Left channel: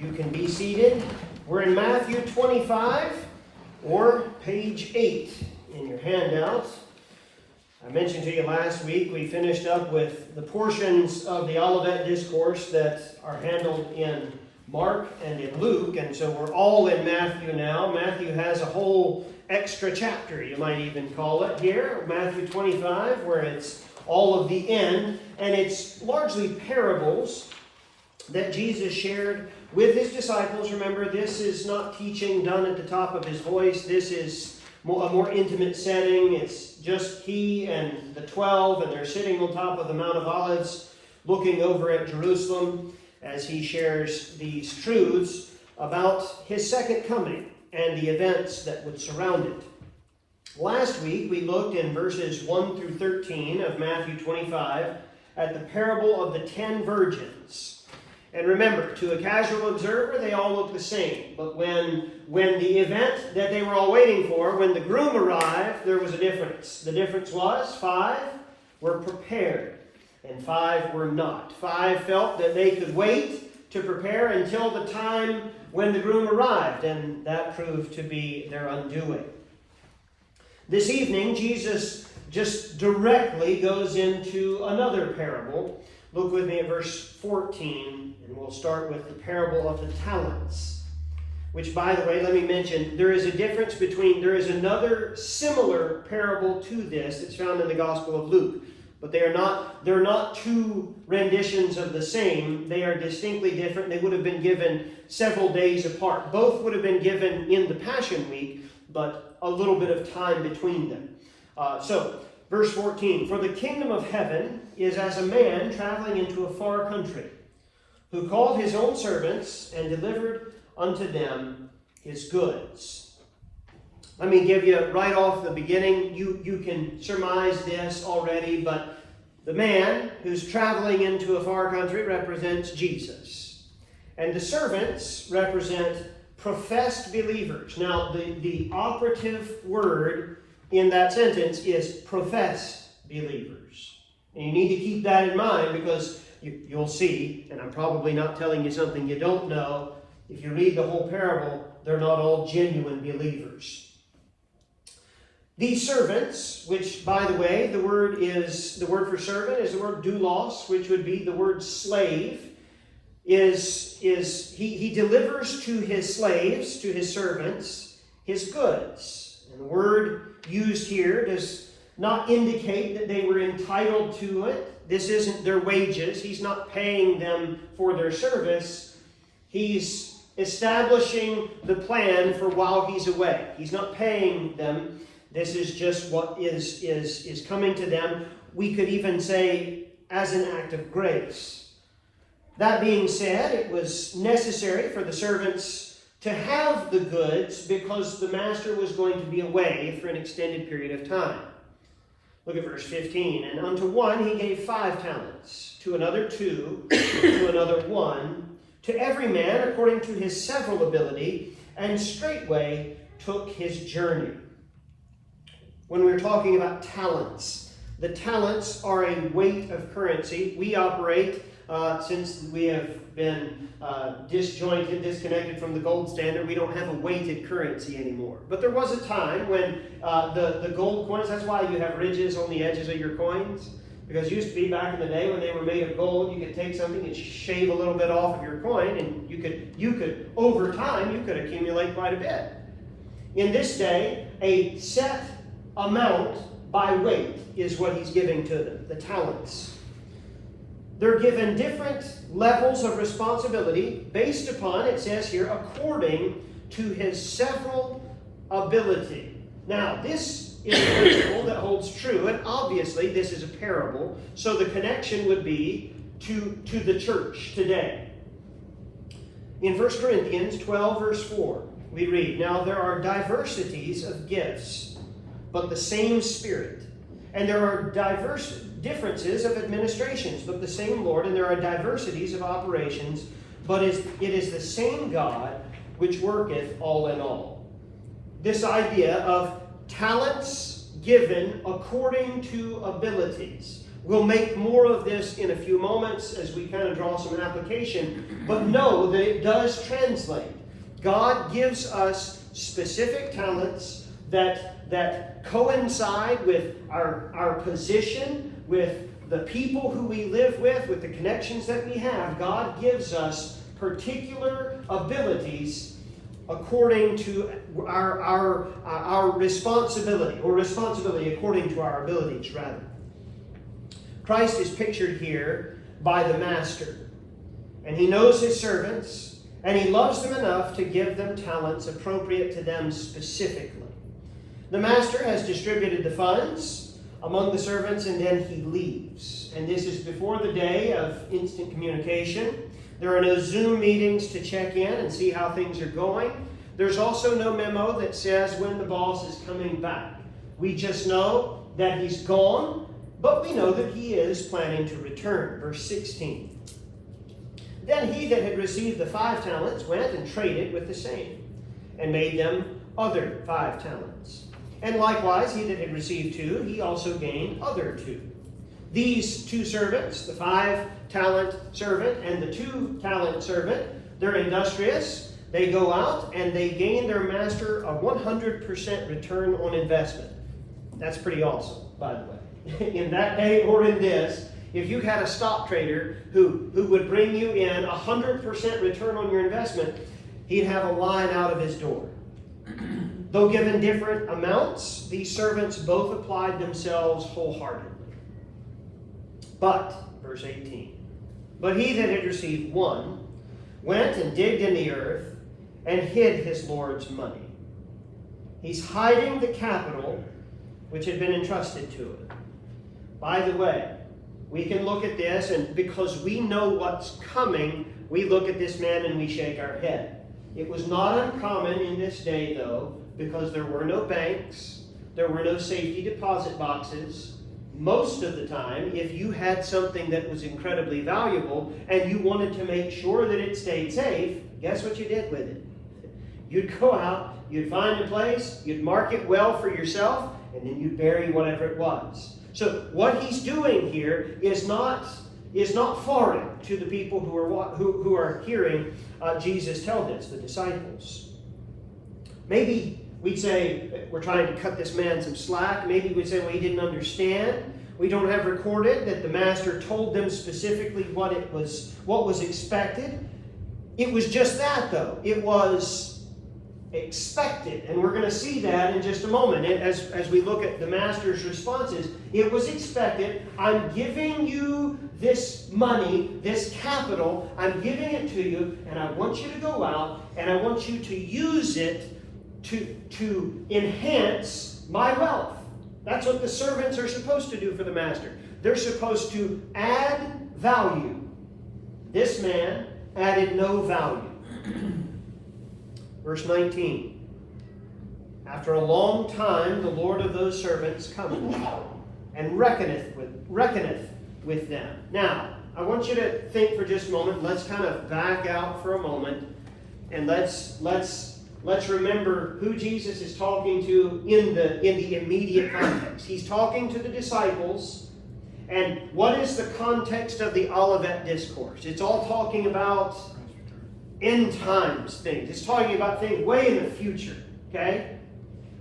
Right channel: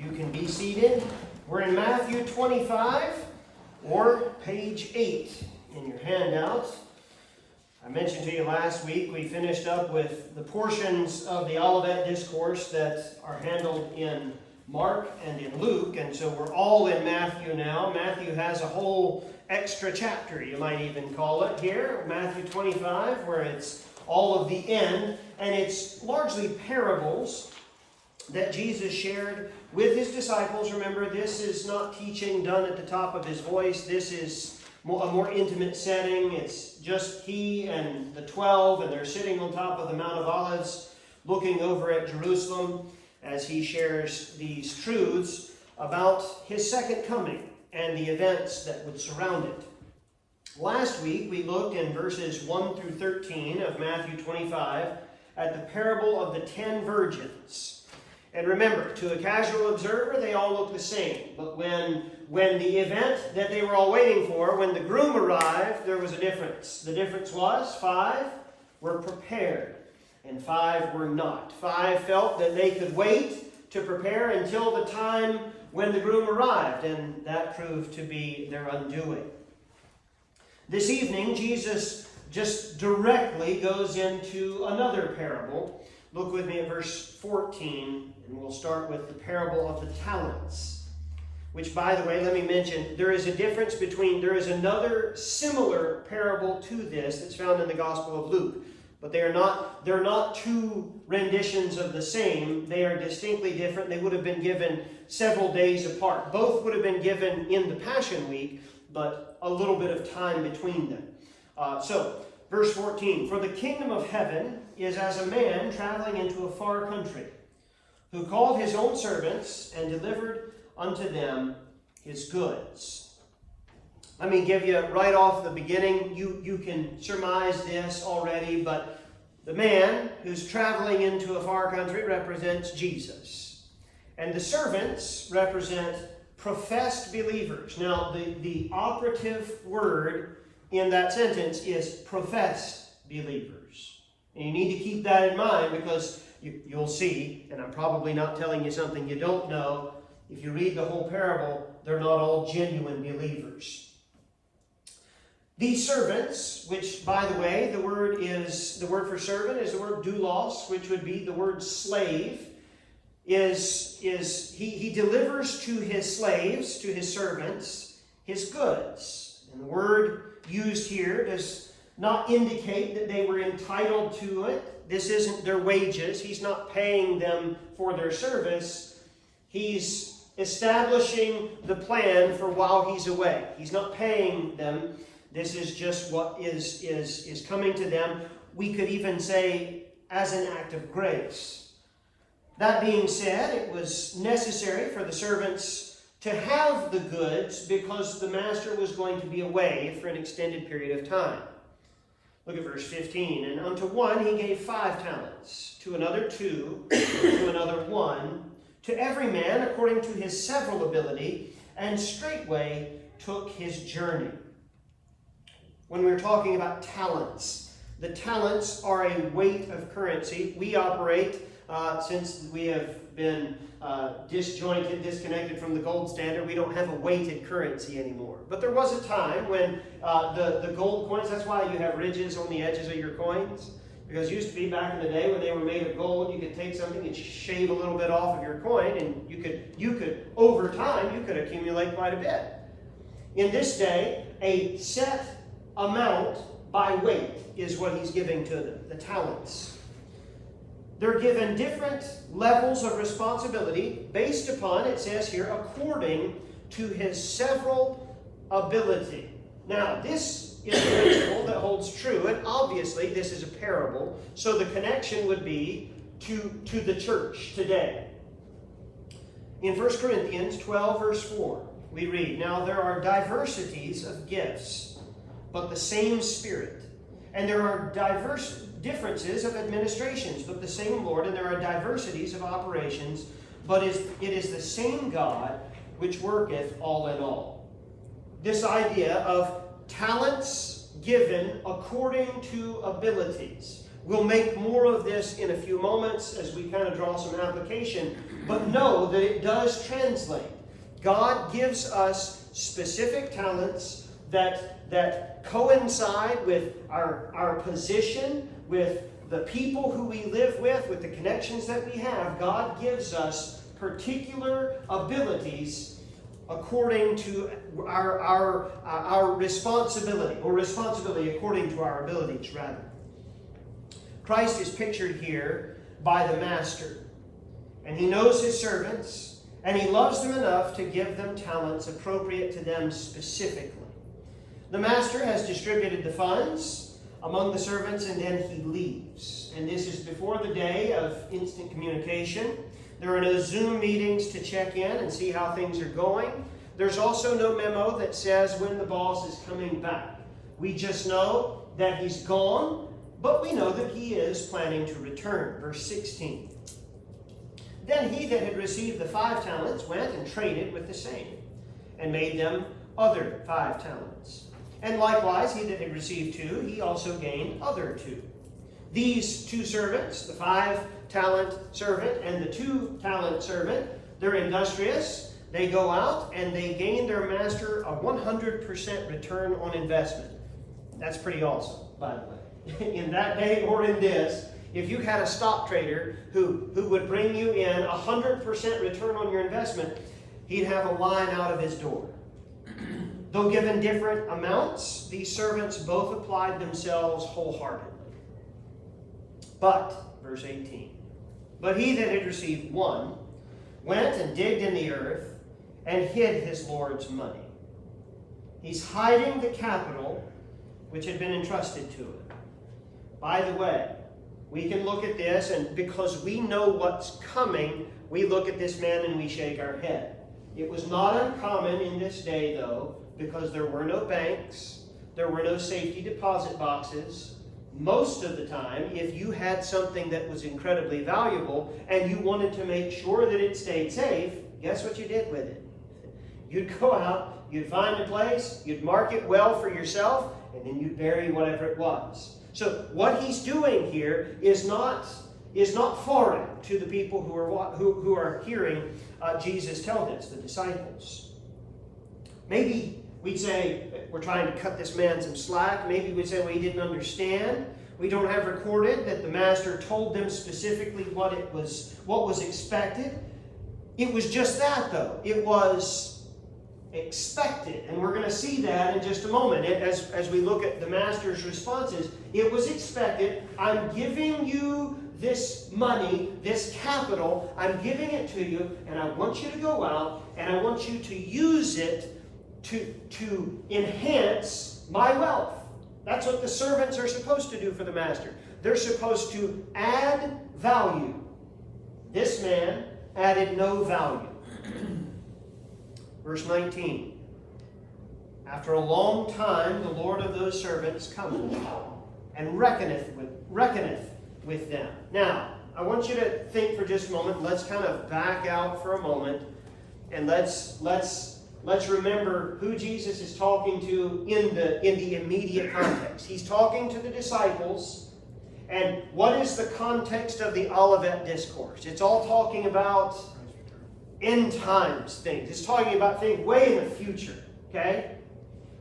You can be seated. We're in Matthew 25, or page 8 in your handout. I mentioned to you last week we finished up with the portions of the Olivet Discourse that are handled in Mark and in Luke, and so we're all in Matthew now. Matthew has a whole extra chapter, you might even call it here, Matthew 25, where it's all of the end, and it's largely parables that Jesus shared with his disciples. Remember, this is not teaching done at the top of his voice. This is a more intimate setting. It's just he and the 12, and they're sitting on top of the Mount of Olives, looking over at Jerusalem as he shares these truths about his second coming and the events that would surround it. Last week, we looked in verses 1 through 13 of Matthew 25 at the parable of the 10 virgins. And remember, to a casual observer, they all look the same. But when the event that they were all waiting for, when the groom arrived, there was a difference. The difference was 5 were prepared and 5 were not. 5 felt that they could wait to prepare until the time when the groom arrived, and that proved to be their undoing. This evening, Jesus just directly goes into another parable. Look with me at verse 14, and we'll start with the parable of the talents. Which, by the way, let me mention, there is another similar parable to this that's found in the Gospel of Luke. But they're not two renditions of the same. They are distinctly different. They would have been given several days apart. Both would have been given in the Passion Week, but a little bit of time between them. Verse 14, "For the kingdom of heaven is as a man traveling into a far country, who called his own servants and delivered unto them his goods." Let me give you right off the beginning, you can surmise this already, but the man who's traveling into a far country represents Jesus. And the servants represent professed believers. Now, the operative word in that sentence is professed believers. And you need to keep that in mind, because you'll see, and I'm probably not telling you something you don't know, if you read the whole parable, they're not all genuine believers. These servants, which, by the way, the word for servant is the word doulos, which would be the word slave, he delivers to his slaves, to his servants, his goods. And the word used here does not indicate that they were entitled to it. This isn't their wages. He's not paying them for their service. He's establishing the plan for while he's away. He's not paying them. This is just what is coming to them. We could even say as an act of grace. That being said, it was necessary for the servants to have the goods because the master was going to be away for an extended period of time. Look at verse 15. "And unto one he gave 5 talents, to another 2, to another 1, to every man according to his several ability, and straightway took his journey." When we're talking about talents, the talents are a weight of currency. We operate, since we have been disconnected from the gold standard, we don't have a weighted currency anymore. But there was a time when the gold coins, that's why you have ridges on the edges of your coins. Because it used to be back in the day when they were made of gold, you could take something and shave a little bit off of your coin, and you could over time, you could accumulate quite a bit. In this day, a set amount by weight is what he's giving to them, the talents. They're given different levels of responsibility based upon, it says here, according to his several ability. Now, this is a principle that holds true, and obviously this is a parable, so the connection would be to the church today. In 1 Corinthians 12, verse 4, we read, "Now there are diversities of gifts, but the same Spirit. And there are differences of administrations, but the same Lord. And there are diversities of operations, but it is the same God which worketh all in all." This idea of talents given according to abilities. We'll make more of this in a few moments as we kind of draw some application, but know that it does translate. God gives us specific talents that coincide with our position, with the people who we live with the connections that we have. God gives us particular abilities according to our responsibility, or responsibility according to our abilities, rather. Christ is pictured here by the master, and he knows his servants, and he loves them enough to give them talents appropriate to them specifically. The master has distributed the funds among the servants, and then he leaves. And this is before the day of instant communication. There are no Zoom meetings to check in and see how things are going. There's also no memo that says when the boss is coming back. We just know that he's gone, but we know that he is planning to return. Verse 16. Then he that had received the 5 talents went and traded with the same, and made them other 5 talents. And likewise, he that had received 2, he also gained other 2. These 2 servants, the 5-talent servant and the 2-talent servant, they're industrious. They go out and they gain their master a 100% return on investment. That's pretty awesome, by the way. In that day or in this, if you had a stock trader who would bring you in 100% return on your investment, he'd have a line out of his door. Though given different amounts, these servants both applied themselves wholeheartedly. But, verse 18, but he that had received 1 went and digged in the earth and hid his Lord's money. He's hiding the capital which had been entrusted to him. By the way, we can look at this, and because we know what's coming, we look at this man and we shake our head. It was not uncommon in this day, though, because there were no banks, there were no safety deposit boxes. Most of the time, if you had something that was incredibly valuable and you wanted to make sure that it stayed safe, guess what you did with it? You'd go out, you'd find a place, you'd mark it well for yourself, and then you'd bury whatever it was. So what he's doing here is not foreign to the people who are hearing Jesus tell this, the disciples. Maybe we'd say we're trying to cut this man some slack. Maybe we'd say, well, he didn't understand. We don't have recorded that the master told them specifically what was expected. It was just that, though. It was expected, and we're going to see that in just a moment as we look at the master's responses. It was expected. I'm giving you this money, this capital, I'm giving it to you, and I want you to go out and I want you to use it to enhance my wealth. That's what the servants are supposed to do for the master. They're supposed to add value. This man added no value. Verse 19. After a long time, the Lord of those servants cometh and reckoneth with them. Now, I want you to think for just a moment. Let's kind of back out for a moment, and let's remember who Jesus is talking to in the immediate context. He's talking to the disciples, and what is the context of the Olivet Discourse? It's all talking about end times things. It's talking about things way in the future, okay?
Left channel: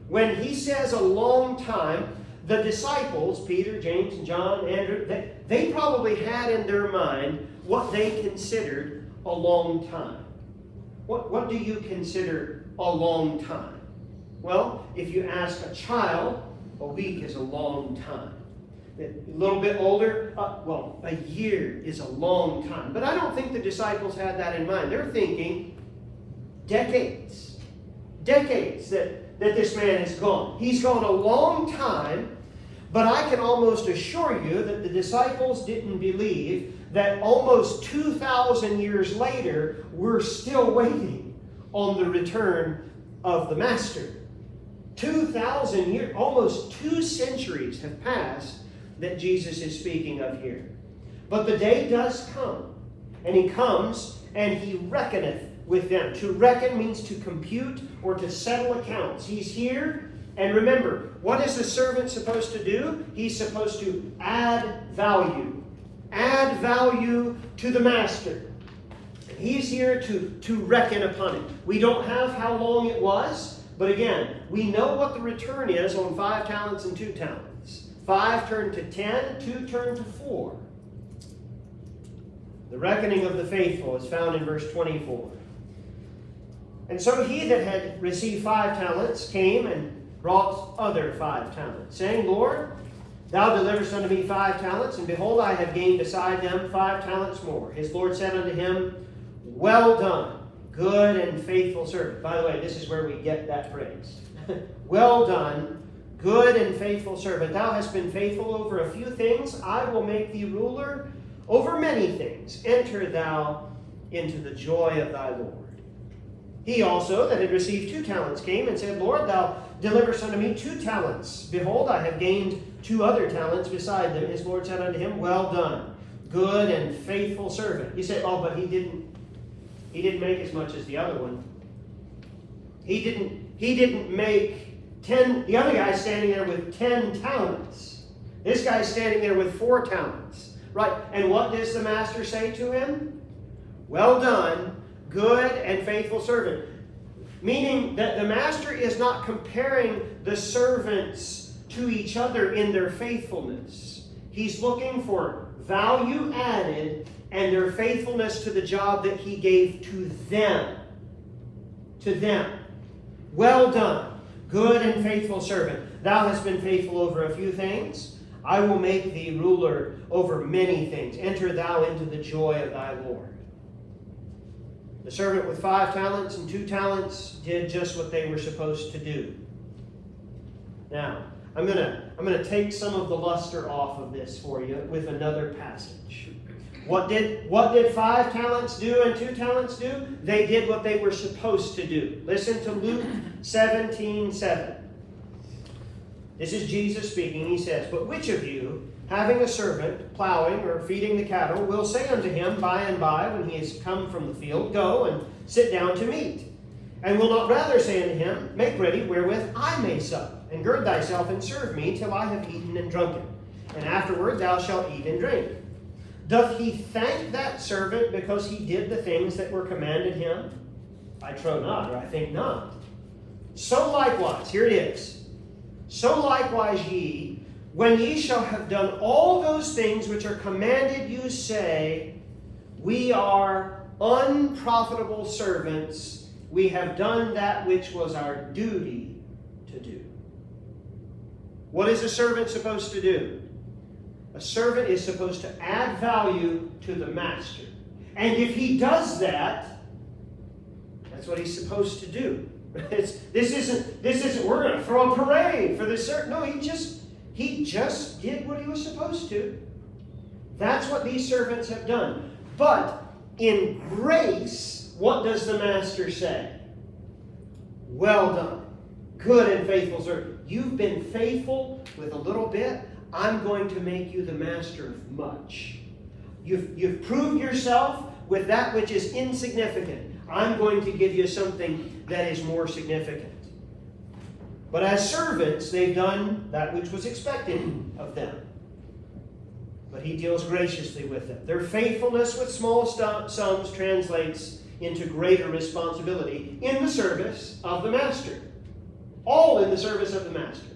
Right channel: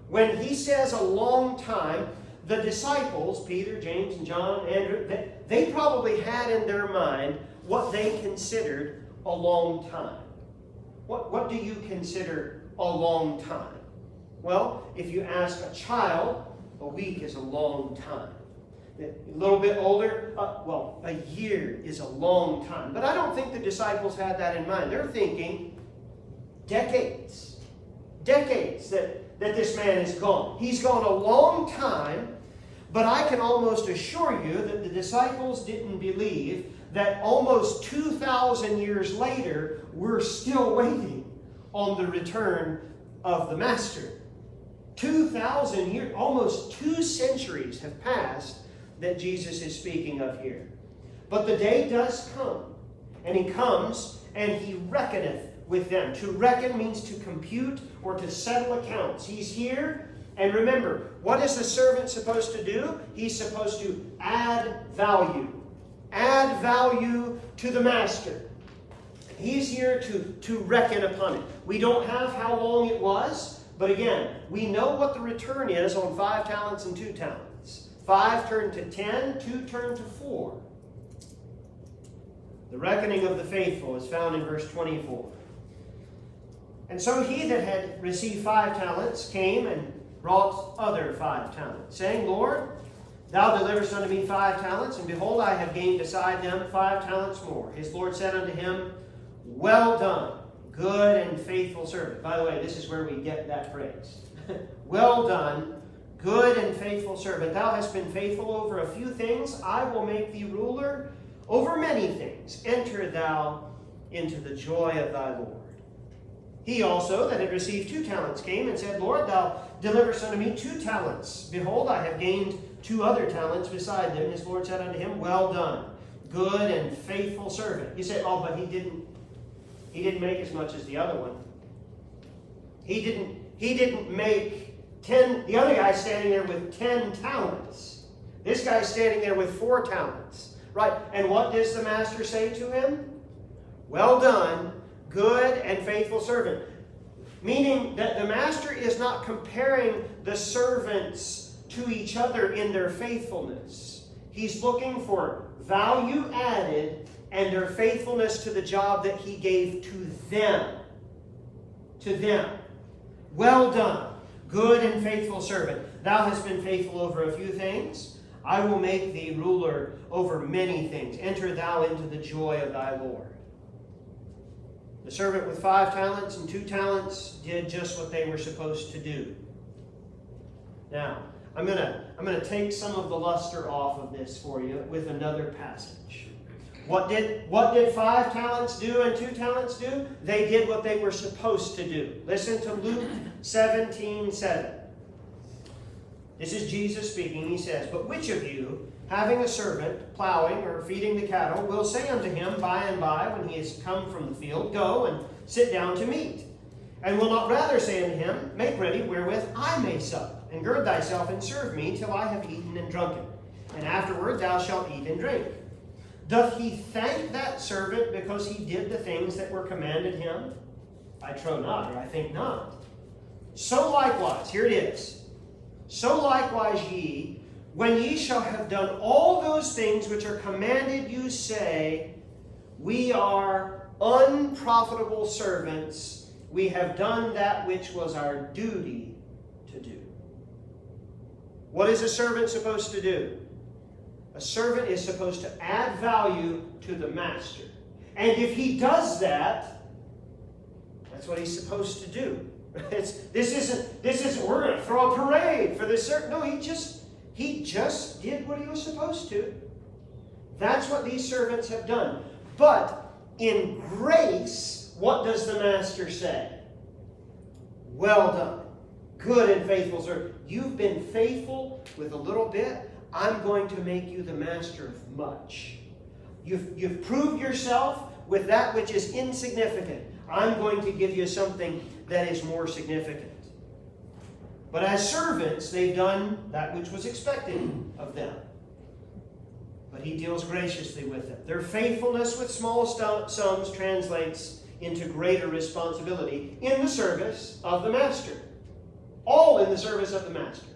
When he says a long time, the disciples, Peter, James, and John, Andrew, they probably had in their mind what they considered a long time. What do you consider a long time? Well, if you ask a child, a week is a long time. A little bit older, a year is a long time. But I don't think the disciples had that in mind. They're thinking decades. Decades that this man is gone. He's gone a long time, but I can almost assure you that the disciples didn't believe that almost 2,000 years later, we're still waiting on the return of the Master. 2,000 years, almost 2 centuries have passed that Jesus is speaking of here. But the day does come, and he comes and he reckoneth with them. To reckon means to compute or to settle accounts. He's here And remember, what is the servant supposed to do? He's supposed to add value. Add value to the master. And he's here to reckon upon it. We don't have how long it was, but again, we know what the return is on 5 talents and 2 talents. 5 turned to 10, 2 turned to 4. The reckoning of the faithful is found in verse 24. And so he that had received 5 talents came and brought other 5 talents, saying, Lord, thou deliverest unto me 5 talents, and behold, I have gained beside them 5 talents more. His Lord said unto him, Well done, good and faithful servant. By the way, this is where we get that phrase. Well done, good and faithful servant. Thou hast been faithful over a few things. I will make thee ruler over many things. Enter thou into the joy of thy Lord. He also that had received 2 talents came and said, Lord, thou deliverest unto me 2 talents. Behold, I have gained 2 other talents beside them. His Lord said unto him, Well done, good and faithful servant. You say, oh, but he didn't make as much as the other one. He didn't make 10. The other guy's standing there with 10 talents. This guy's standing there with 4 talents. Right? And what does the master say to him? Well done, good and faithful servant. Meaning that the master is not comparing the servants to each other in their faithfulness. He's looking for value added and their faithfulness to the job that he gave to them. To them. Well done, good and faithful servant. Thou hast been faithful over a few things. I will make thee ruler over many things. Enter thou into the joy of thy Lord. The servant with 5 talents and 2 talents did just what they were supposed to do. Now, I'm gonna take some of the luster off of this for you with another passage. What did 5 talents do and 2 talents do? They did what they were supposed to do. Listen to Luke 17:7. This is Jesus speaking. He says, But which of you, having a servant plowing or feeding the cattle, will say unto him by and by, when he is come from the field, Go and sit down to meat? And will not rather say unto him, Make ready wherewith I may sup, and gird thyself and serve me till I have eaten and drunken, and afterward thou shalt eat and drink. Doth he thank that servant because he did the things that were commanded him? I trow not, or I think not. So likewise, here it is. So likewise ye, when ye shall have done all those things which are commanded you, say, We are unprofitable servants. We have done that which was our duty to do. What is a servant supposed to do? A servant is supposed to add value to the master. And if he does that, that's what he's supposed to do. This isn't we're going to throw a parade for this servant. No, he just did what he was supposed to. That's what these servants have done. But in grace, what does the master say? Well done, good and faithful servant. You've been faithful with a little bit. I'm going to make you the master of much. You've proved yourself with that which is insignificant. I'm going to give you something that is more significant. But as servants, they've done that which was expected of them. But he deals graciously with them. Their faithfulness with small sums translates into greater responsibility in the service of the master. All in the service of the master.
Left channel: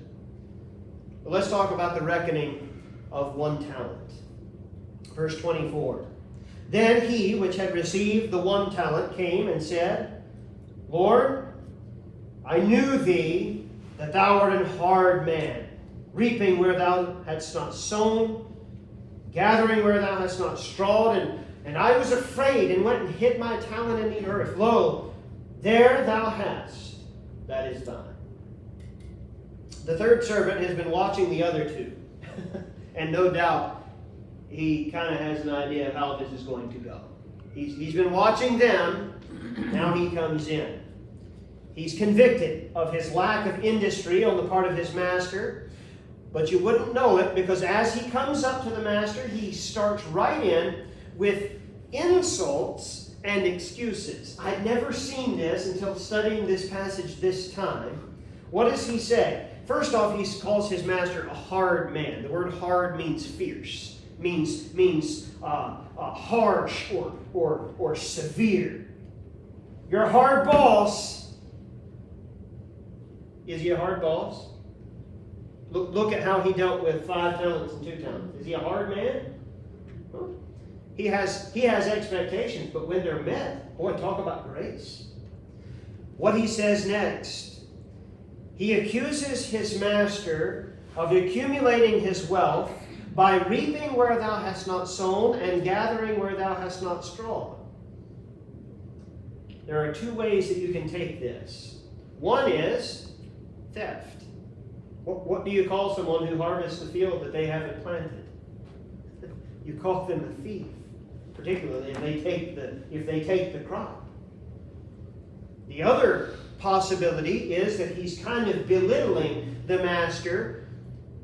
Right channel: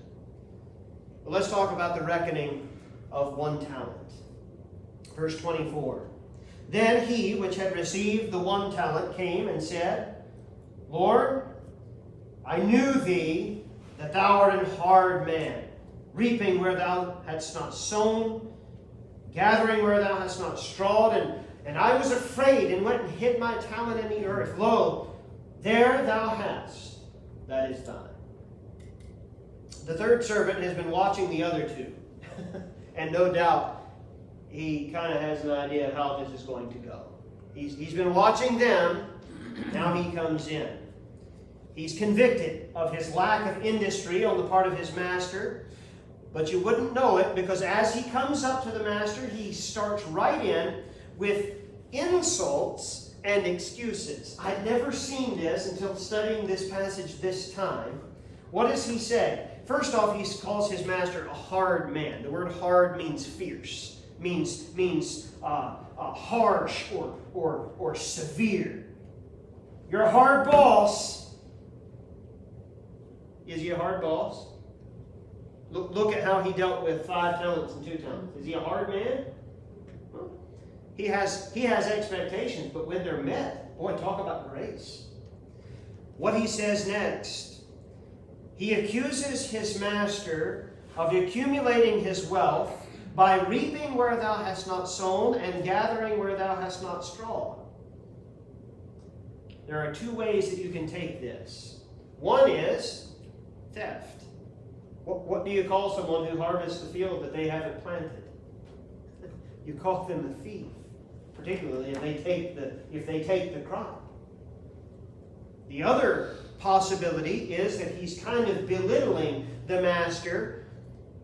But let's talk about the reckoning of 1 talent. Verse 24. Then he which had received the 1 talent came and said, Lord, I knew thee that thou art an hard man, reaping where thou hadst not sown, gathering where thou hadst not strawed, and I was afraid and went and hid my talent in the earth. Lo, there thou hast, that is thine. The third servant has been watching the other 2, and no doubt he kind of has an idea of how this is going to go. He's been watching them. Now he comes in. He's convicted of his lack of industry on the part of his master. But you wouldn't know it, because as he comes up to the master, he starts right in with insults and excuses. I'd never seen this until studying this passage this time, What does he say? First off, he calls his master a hard man. The word hard means fierce, means harsh or severe. You're a hard boss. Is he a hard boss? Look at how he dealt with 5 talents and 2 talents. Is he a hard man? Well, he has expectations, but when they're met, boy, talk about grace. What he says next. He accuses his master of accumulating his wealth by reaping where thou hast not sown and gathering where thou hast not strawed. There are 2 ways that you can take this. One is theft. What do you call someone who harvests the field that they haven't planted? You call them a thief, particularly if they take the crop. The other possibility is that he's kind of belittling the master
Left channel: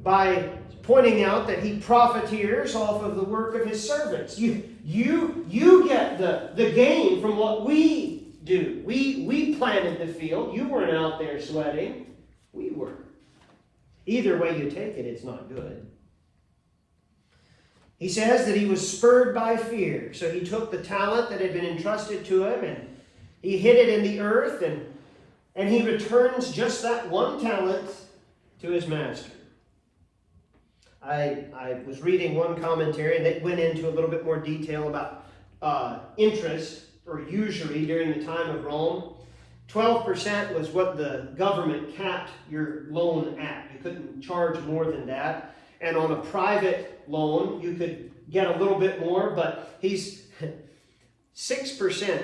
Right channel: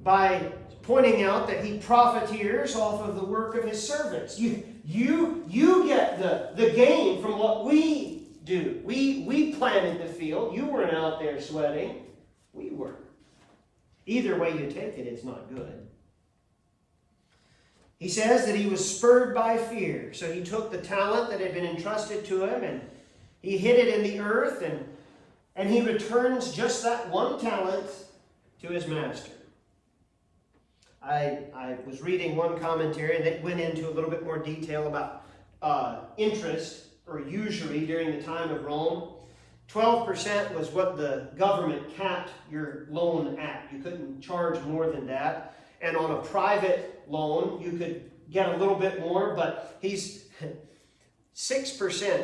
by pointing out that he profiteers off of the work of his servants. You get the gain from what we do. We planted the field. You weren't out there sweating. We were. Either way you take it, it's not good. He says that he was spurred by fear. So he took the talent that had been entrusted to him and he hid it in the earth and he returns just that 1 talent to his master. I was reading one commentary and they went into a little bit more detail about interest or usury during the time of Rome. 12% was what the government capped your loan at. You couldn't charge more than that. And on a private loan, you could get a little bit more, but 6%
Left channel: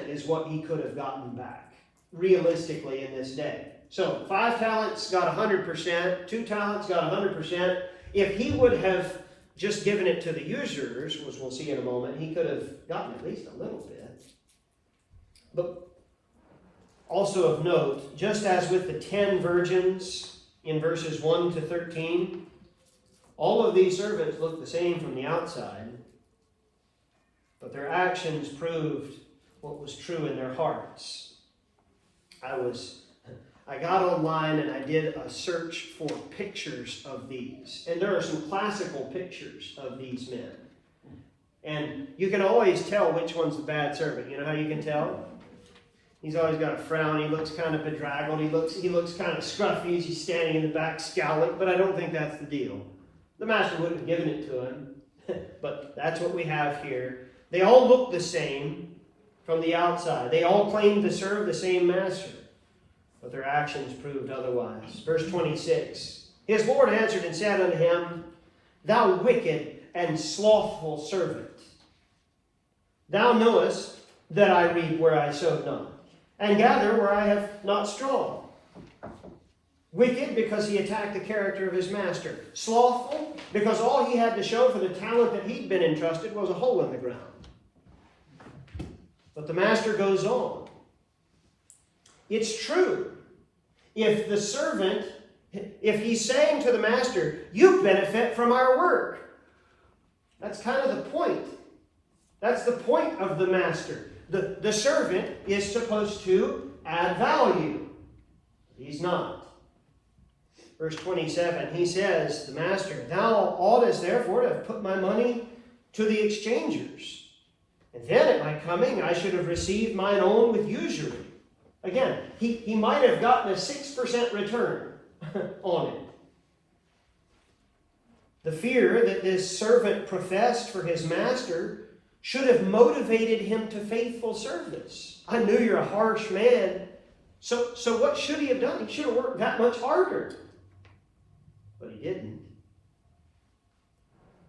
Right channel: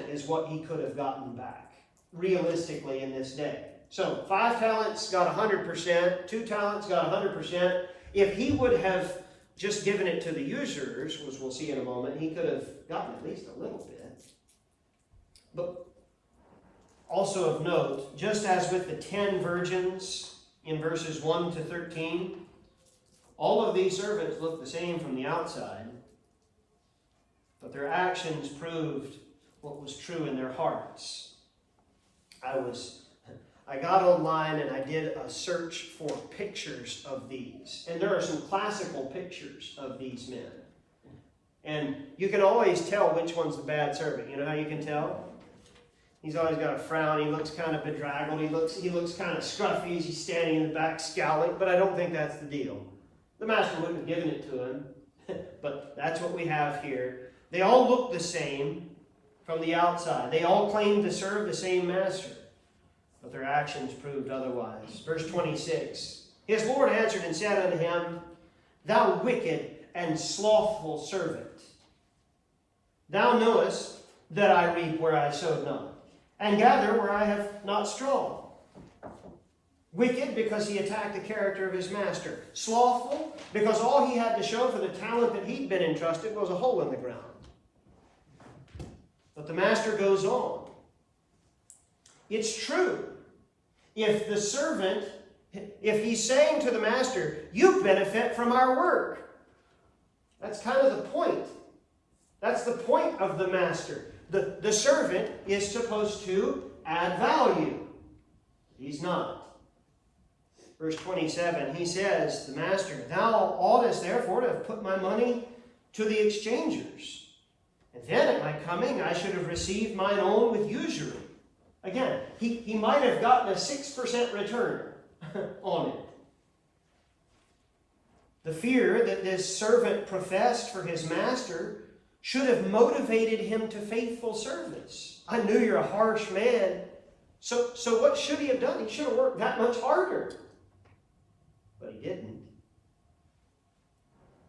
is what he could have gotten back, realistically, in this day. So 5 talents got 100%, 2 talents got 100%. If he would have just given it to the usurers, which we'll see in a moment, he could have gotten at least a little bit. But also of note, just as with the 10 virgins in verses 1 to 13, all of these servants looked the same from the outside, but their actions proved what was true in their hearts. I got online and I did a search for pictures of these. And there are some classical pictures of these men. And you can always tell which one's the bad servant. You know how you can tell? He's always got a frown. He looks kind of bedraggled. He looks kind of scruffy as he's standing in the back scowling. But I don't think that's the deal. The master wouldn't have given it to him. But that's what we have here. They all look the same from the outside. They all claim to serve the same master. But their actions proved otherwise. Verse 26. His Lord answered and said unto him, Thou wicked and slothful servant, thou knowest that I reap where I sowed not, and gather where I have not strawed. Wicked, because he attacked the character of his master. Slothful, because all he had to show for the talent that he'd been entrusted was a hole in the ground. But the master goes on. It's true. If the servant, if he's saying to the master, you benefit from our work. That's kind of the point. That's the point of the master. The servant is supposed to add value. He's not. Verse 27, he says, the master, thou oughtest therefore to have put my money to the exchangers. And then at my coming I should have received mine own with usury. Again, he might have gotten a 6% return on it. The fear that this servant professed for his master should have motivated him to faithful service. I knew you're a harsh man. So what should he have done? He should have worked that much harder. But he didn't.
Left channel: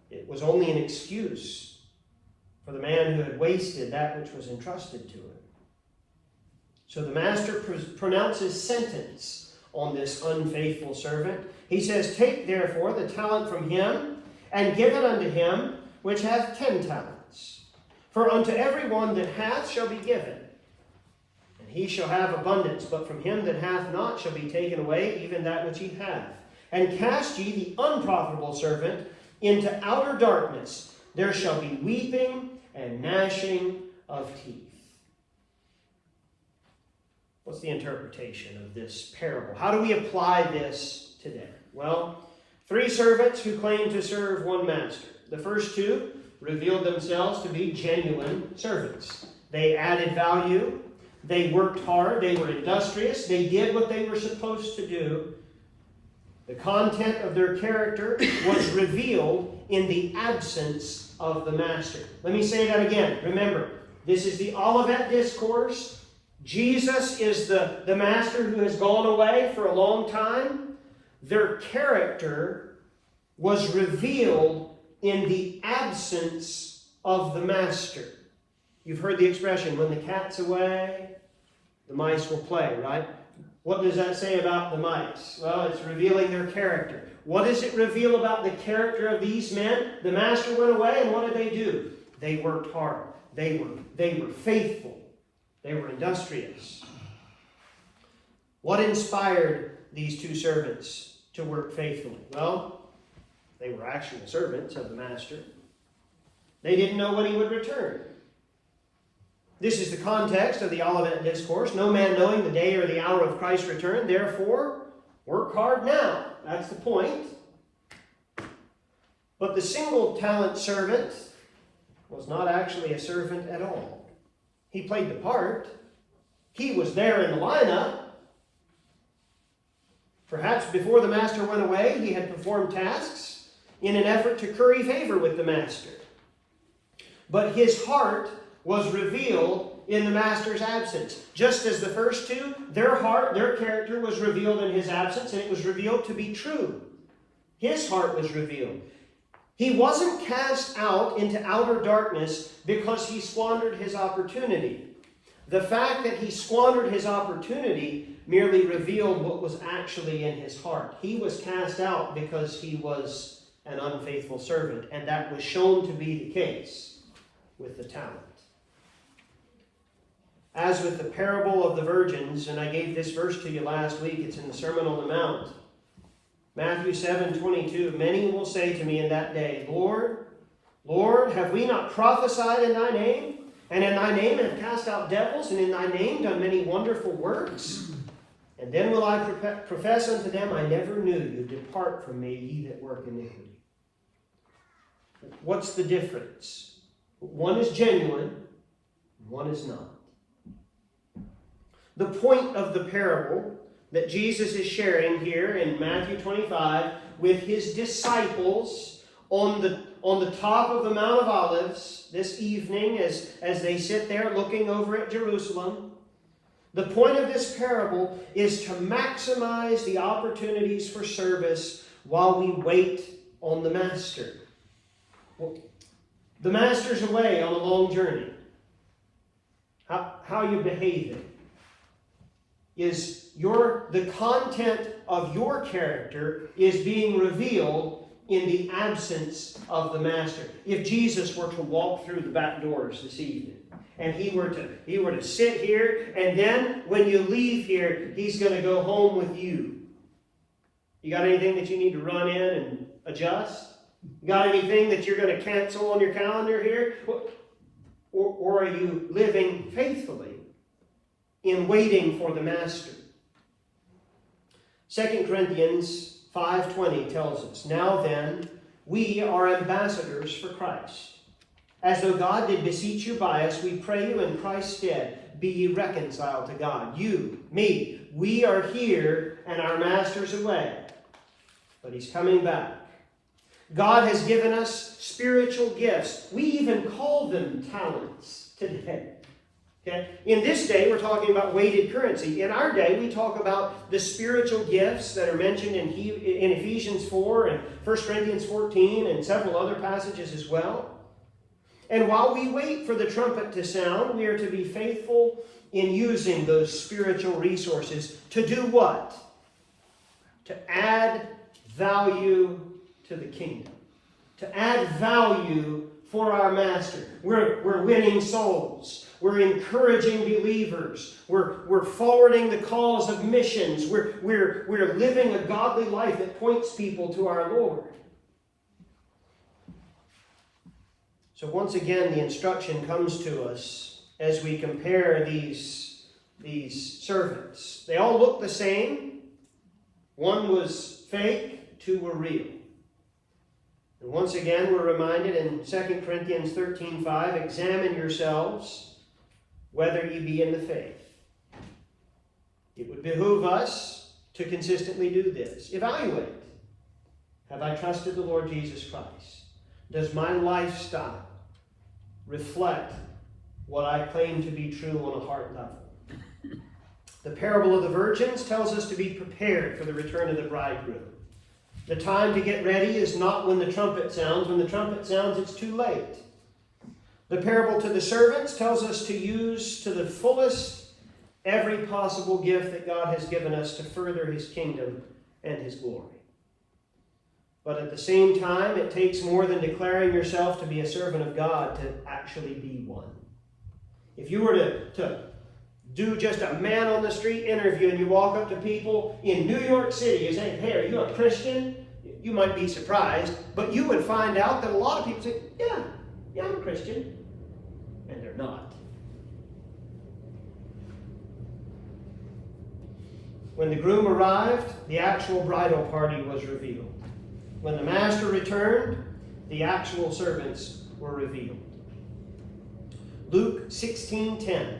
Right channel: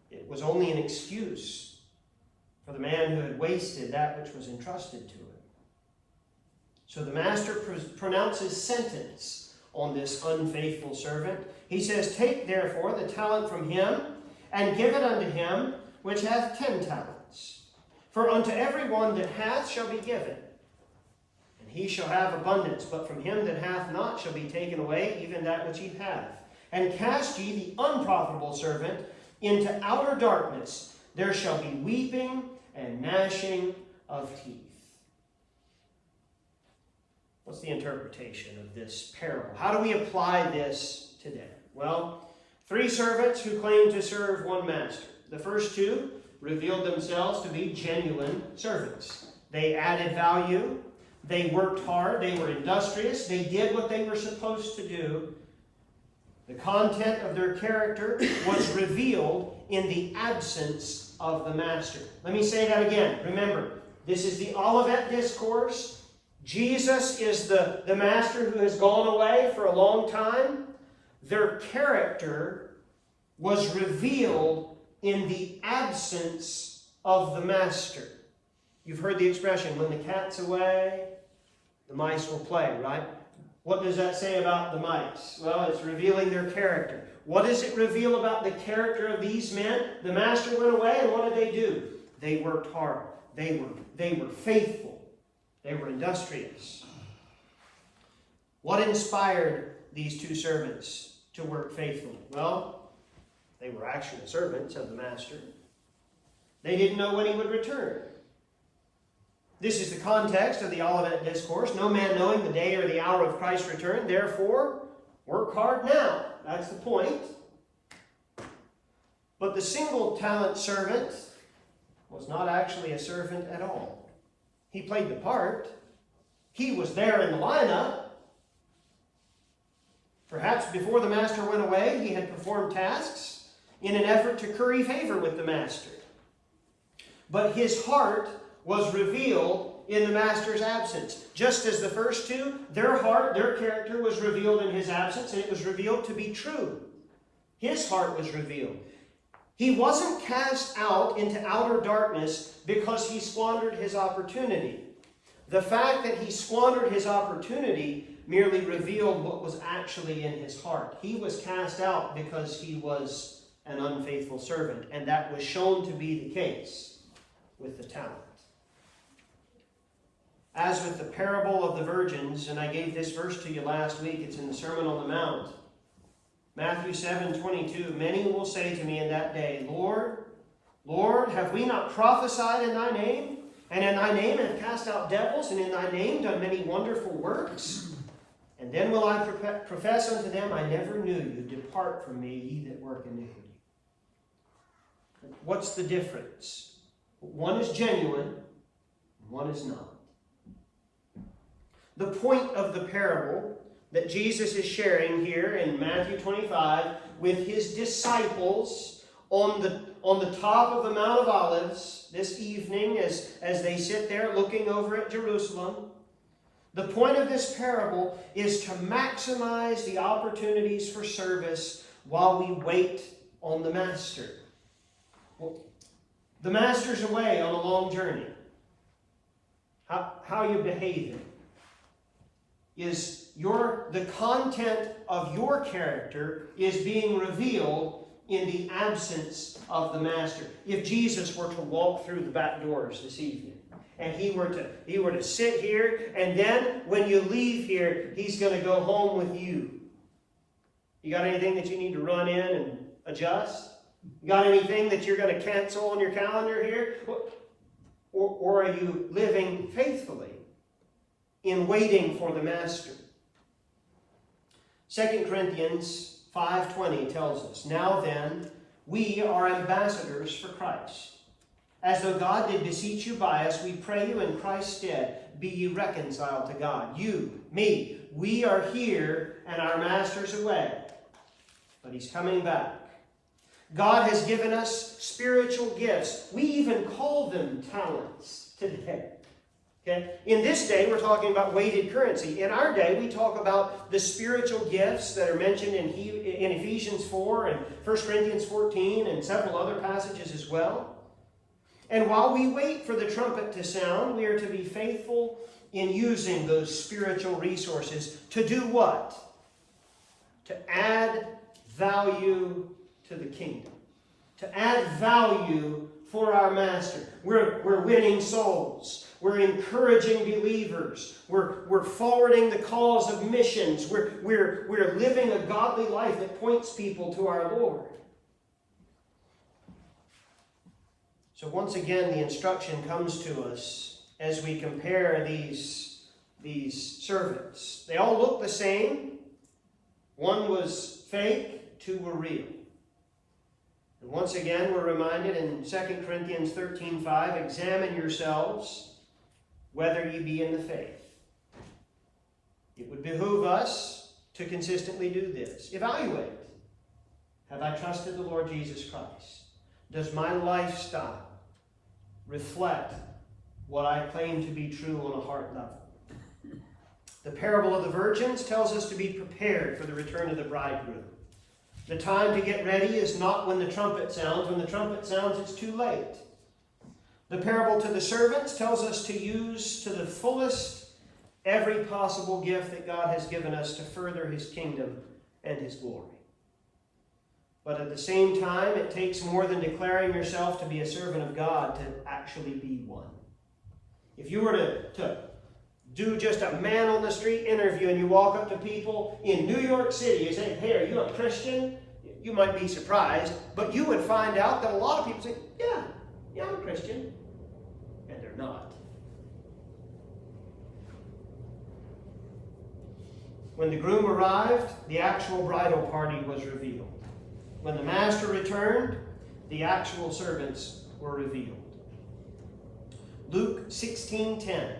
It was only an excuse for the man who had wasted that which was entrusted to him. So the master pronounces sentence on this unfaithful servant. He says, Take therefore the talent from him, and give it unto him which hath 10 talents. For unto every one that hath shall be given, and he shall have abundance. But from him that hath not shall be taken away even that which he hath. And cast ye the unprofitable servant into outer darkness. There shall be weeping and gnashing of teeth. What's the interpretation of this parable? How do we apply this today? Well, 3 servants who claimed to serve one master. The first 2 revealed themselves to be genuine servants. They added value. They worked hard. They were industrious. They did what they were supposed to do. The content of their character was revealed in the absence of the master. Let me say that again. Remember, this is the Olivet Discourse. Jesus is the master who has gone away for a long time. Their character was revealed in the absence of the master. You've heard the expression, when the cat's away, the mice will play, right? What does that say about the mice? Well, it's revealing their character. What does it reveal about the character of these men? The master went away, and what did they do? They worked hard. They were faithful. They were industrious. What inspired these 2 servants to work faithfully? Well, they were actual servants of the master. They didn't know when he would return. This is the context of the Olivet Discourse. No man knowing the day or the hour of Christ's return. Therefore, work hard now. That's the point. But the single-talent servant was not actually a servant at all. He played the part. He was there in the lineup. Perhaps before the master went away, he had performed tasks in an effort to curry favor with the master. But his heart was revealed in the master's absence. Just as the first 2, their heart, their character was revealed in his absence, and it was revealed to be true. His heart was revealed. He wasn't cast out into outer darkness because he squandered his opportunity. The fact that he squandered his opportunity merely revealed what was actually in his heart. He was cast out because he was an unfaithful servant, and that was shown to be the case with the talent. As with the parable of the virgins, and I gave this verse to you last week, it's in the Sermon on the Mount. Matthew 7:22, many will say to me in that day, Lord, Lord, have we not prophesied in thy name? And in thy name have cast out devils, and in thy name done many wonderful works? And then will I profess unto them, I never knew you. Depart from me, ye that work iniquity. What's the difference? One is genuine, one is not. The point of the parable that Jesus is sharing here in Matthew 25 with his disciples on the top of the Mount of Olives this evening as they sit there looking over at Jerusalem. The point of this parable is to maximize the opportunities for service while we wait on the Master. Well, the Master's away on a long journey. How you behaving? Is the content of your character is being revealed in the absence of the Master. If Jesus were to walk through the back doors this evening, and he were to sit here, and then when you leave here, he's going to go home with you. You got anything that you need to run in and adjust? You got anything that you're going to cancel on your calendar here? Or are you living faithfully in waiting for the Master? 2 Corinthians 5:20 tells us, now then, we are ambassadors for Christ. As though God did beseech you by us, we pray you in Christ's stead, be ye reconciled to God. You, me, we are here and our Master's away. But he's coming back. God has given us spiritual gifts. We even call them talents today. Okay? In this day, we're talking about weighted currency. In our day, we talk about the spiritual gifts that are mentioned in Ephesians 4 and 1 Corinthians 14 and several other passages as well. And while we wait for the trumpet to sound, we are to be faithful in using those spiritual resources to do what? To add value to the kingdom. To add value for our Master. We're winning souls. We're encouraging believers. We're forwarding the cause of missions. We're living a godly life that points people to our Lord. So once again, the instruction comes to us as we compare these these servants. They all looked the same. One was fake, two were real. And once again, we're reminded in 2 Corinthians 13:5, examine yourselves whether you be in the faith. It would behoove us to consistently do this. Evaluate. Have I trusted the Lord Jesus Christ? Does my lifestyle reflect what I claim to be true on a heart level? The parable of the virgins tells us to be prepared for the return of the bridegroom. The time to get ready is not when the trumpet sounds. When the trumpet sounds, it's too late. The parable to the servants tells us to use to the fullest every possible gift that God has given us to further his kingdom and his glory. But at the same time, it takes more than declaring yourself to be a servant of God to actually be one. If you were to do just a man on the street interview and you walk up to people in New York City, you say, hey, are you a Christian? You might be surprised, but you would find out that a lot of people say, yeah, I'm a Christian. And they're not. When the groom arrived, the actual bridal party was revealed. When the master returned, the actual servants were revealed. Luke 16:10.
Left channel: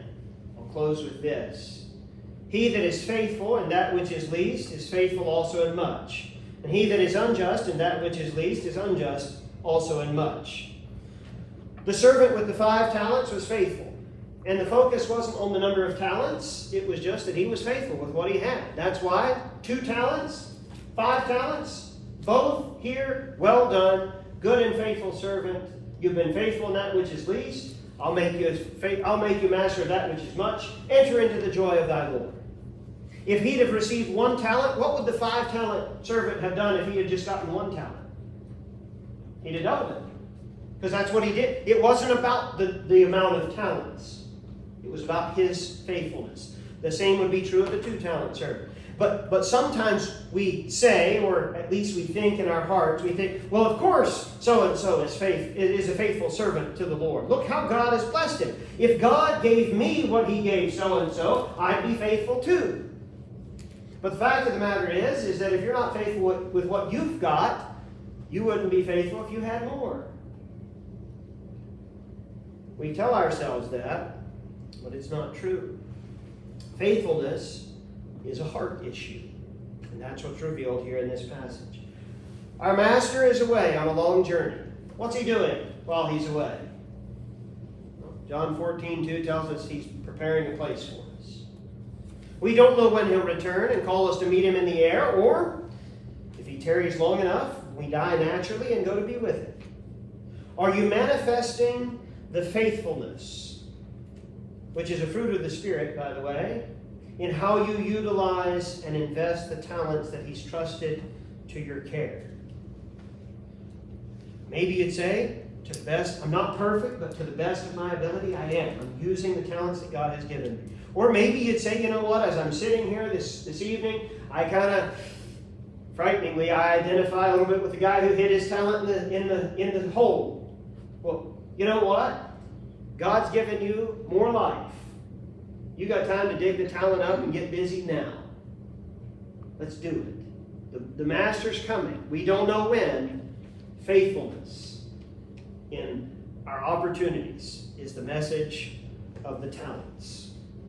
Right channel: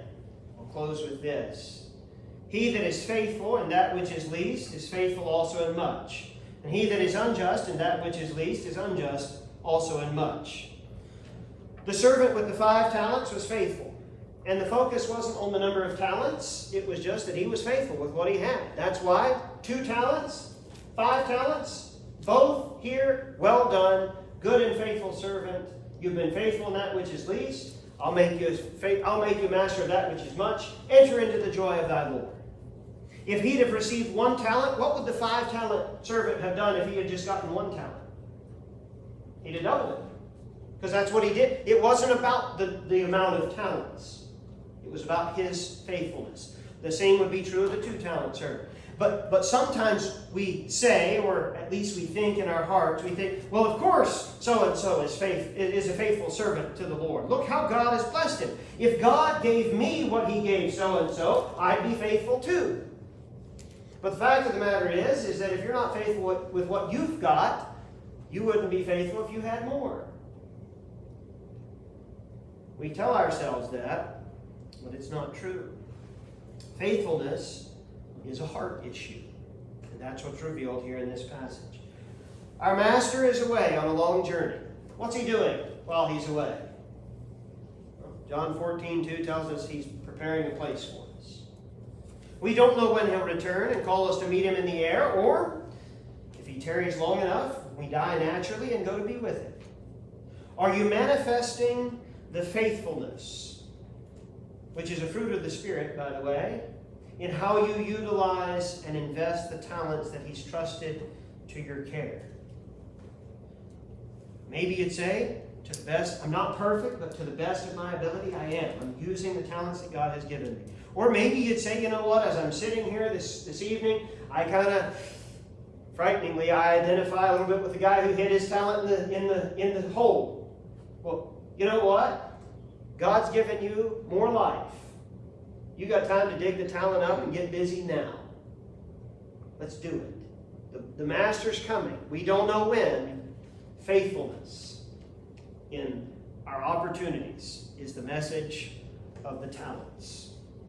I'll close with this. He that is faithful in that which is least is faithful also in much. And he that is unjust in that which is least is unjust also in much. The servant with the 5 talents was faithful. And the focus wasn't on the number of talents. It was just that he was faithful with what he had. That's why 2 talents, 5 talents, both here, well done, good and faithful servant. You've been faithful in that which is least. I'll make you master of that which is much. Enter into the joy of thy Lord. If he'd have received 1 talent, what would the 5-talent servant have done if he had just gotten 1 talent? He'd have doubled it. Because that's what he did. It wasn't about the amount of talents. It was about his faithfulness. The same would be true of the 2-talent servant. But sometimes we say, or at least we think in our hearts, we think, well, of course, so-and-so is a faithful servant to the Lord. Look how God has blessed him. If God gave me what he gave so-and-so, I'd be faithful too. But the fact of the matter is that if you're not faithful with what you've got, you wouldn't be faithful if you had more. We tell ourselves that, but it's not true. Faithfulness is a heart issue. And that's what's revealed here in this passage. Our master is away on a long journey. What's he doing while he's away? Well, John 14:2 tells us he's preparing a place for us. We don't know when he'll return and call us to meet him in the air, or if he tarries long enough, we die naturally and go to be with him. Are you manifesting the faithfulness, which is a fruit of the Spirit, by the way, in how you utilize and invest the talents that he's trusted to your care? Maybe you'd say, to the best, I'm not perfect, but to the best of my ability, I am. I'm using the talents that God has given me. Or maybe you'd say, you know what, as I'm sitting here this evening, I kind of, frighteningly, I identify a little bit with the guy who hid his talent in the hole. Well, you know what? God's given you more life. You got time to dig the talent up and get busy now. Let's do it. The master's coming. We don't know when. Faithfulness in our opportunities is the message of the talents.